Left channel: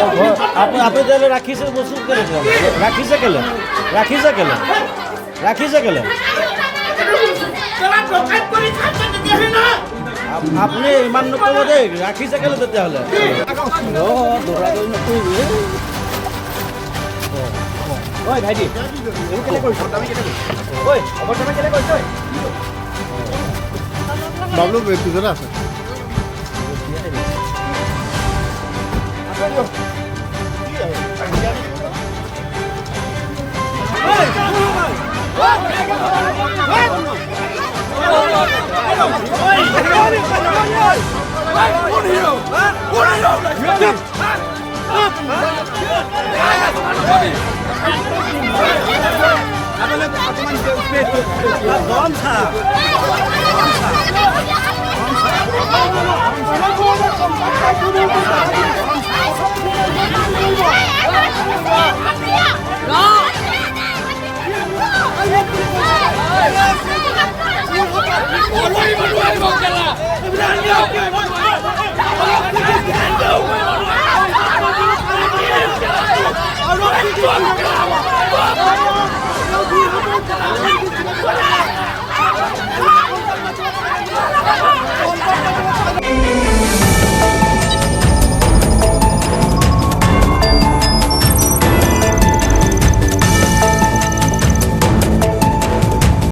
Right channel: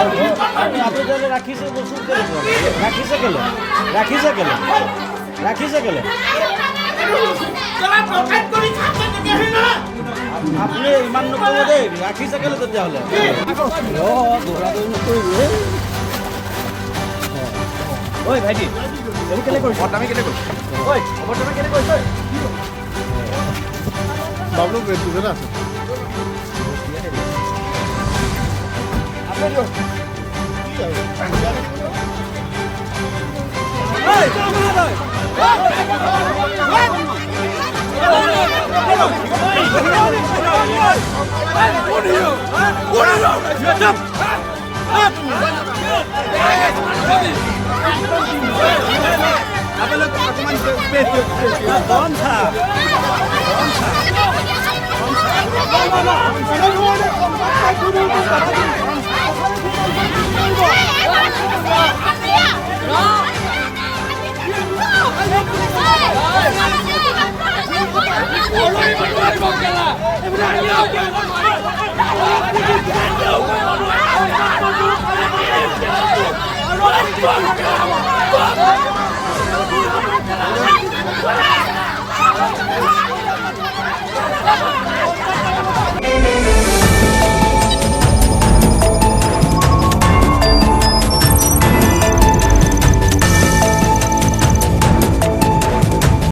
আপনি তাহলে ৰাখিছে বসুন কৰে ৰাখিছে কেলে ৰাখিছে কেলে ৰাখিছে কেলে আপনি ইমান নকৰিব দেই ৰাখিছে কেলে তেতিয়াহ'লে দৌৰাদৌৰি নকৰিবি ঐ ভাইটি এইবোৰ কেলে কৰিছ আমি কেলে কৰিছ ঐ অৱৰ্তমান কেলে কৰিছ বাবলু পিছতে আছে গৰম থা No!